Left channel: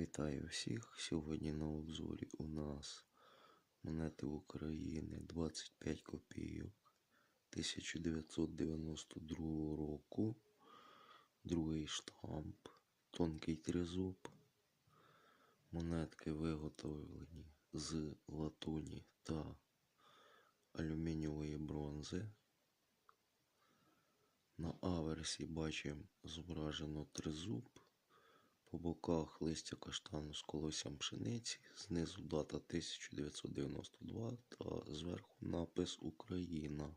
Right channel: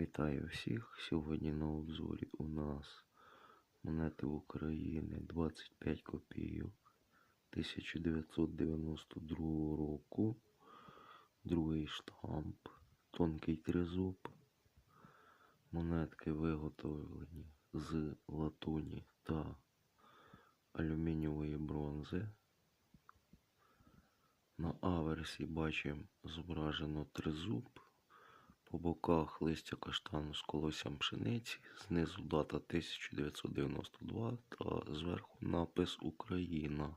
Вітаю всіх! Сьогодні на обзорі у нас монети України 25 копійок 1992 року. Другий штамп, тонкий тризуб. Монетки виготовлені з латуні та алюмінієвої бронзи. На аверсі бачимо зображено тризуб. По боках листя каштану з колоссям пшениці, знизу дата 1992 та зверху напис Україна.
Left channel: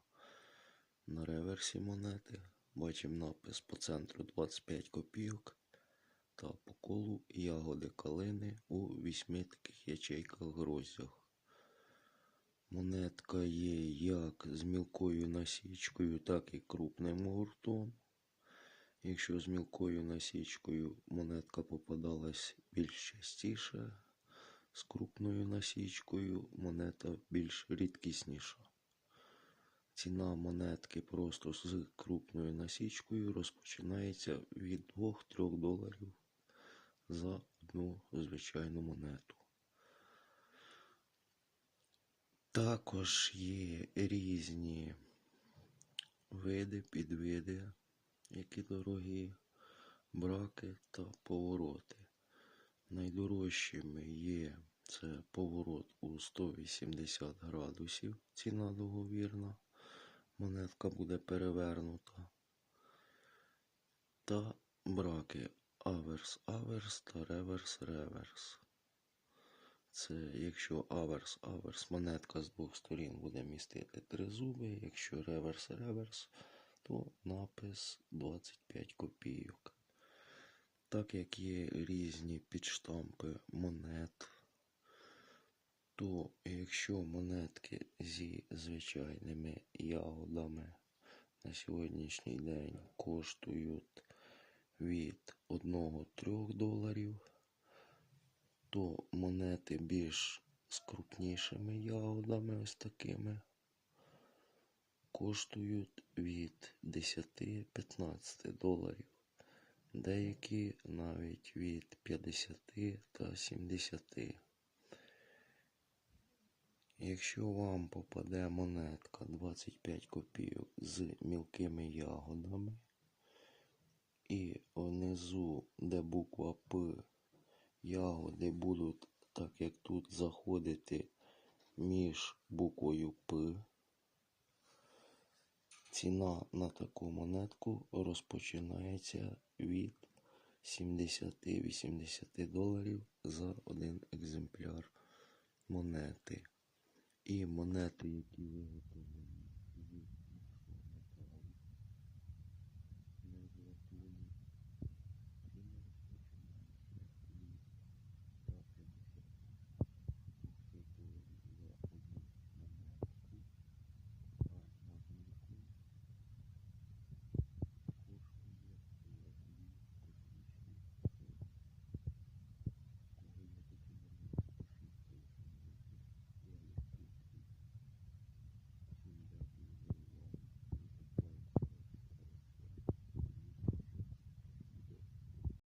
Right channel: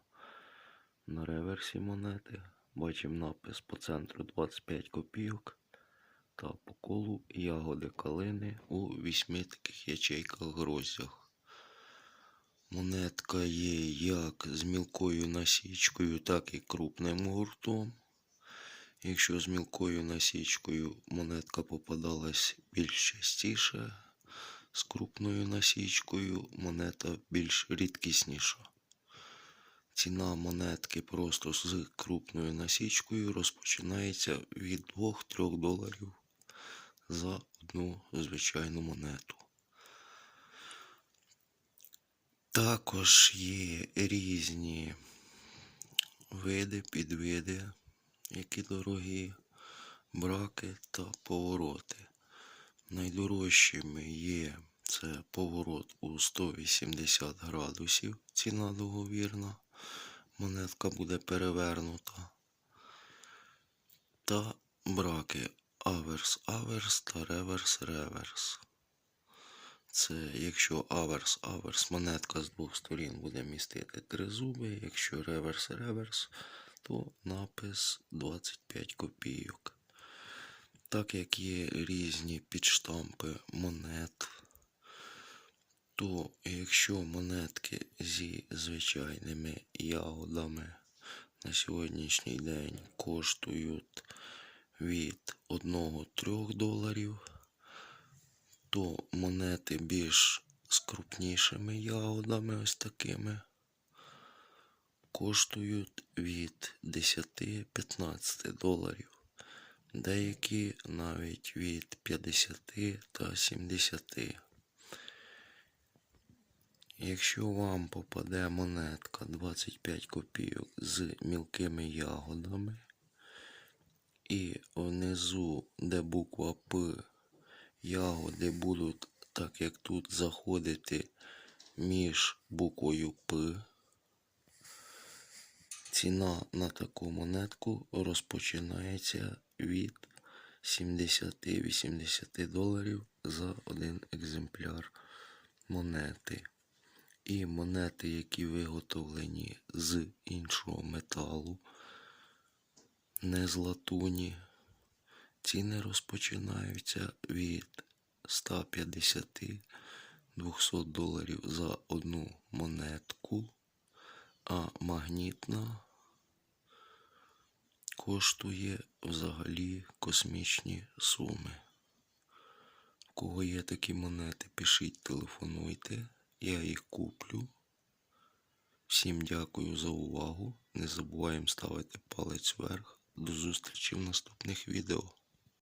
На реверсі монети бачимо напис по центру 25 копійок та по колу ягоди калини у вісьми таких ячейках гроздях. Монетка є як з мілкою насічкою, так і крупним гуртом. Якщо з мілкою насічкою монетка попадалась більш частіше, з крупною насічкою монета більш рідкісніша. Ціна монетки просто з крупною насічкою розпочинається від 2-3 доларів за одну звичайну монету. Також є різні види, підвиди які дорогі, браки та повороти. Найдорожчими є це поворот у 180 градусів, ціна договірна, монетка буде перевернута. Та браки аверс-аверс та реверс-реверс. Це якщо аверс-аверс, монетка з двох сторін буде містити три зуби, якщо реверс-реверс, то напис 25 копійок. Так як є різні підштампи монет, то якщо монетки зі звичайними ягодами на сьогоднішній день коштують від 1-3 доларів, то монети більш з крупнішими ягодами, ось такими, коштують від 10-15 доларів. Деякі навіть від 50 та 70. Якщо вам попаде монетка 25 копійок з мілкими ягодами, і внизу, де буква П, ягоди будуть, так як тут, заходити між буквою П, Ціна на таку монетку розпочинається від 70-80 доларів за один екземпляр монети. І монети, які виготовлені з іншого металу, не з латуні, ціни розпочинаються від 150-200 доларів за одну монетку, а магнітна коштує взагалі космічні суми. У кого є такі монети, пишіть, телефонуйте, я їх куплю. Всім дякую за увагу. Не забуваємо ставити палець вверх. До зустрічі в наступних відео.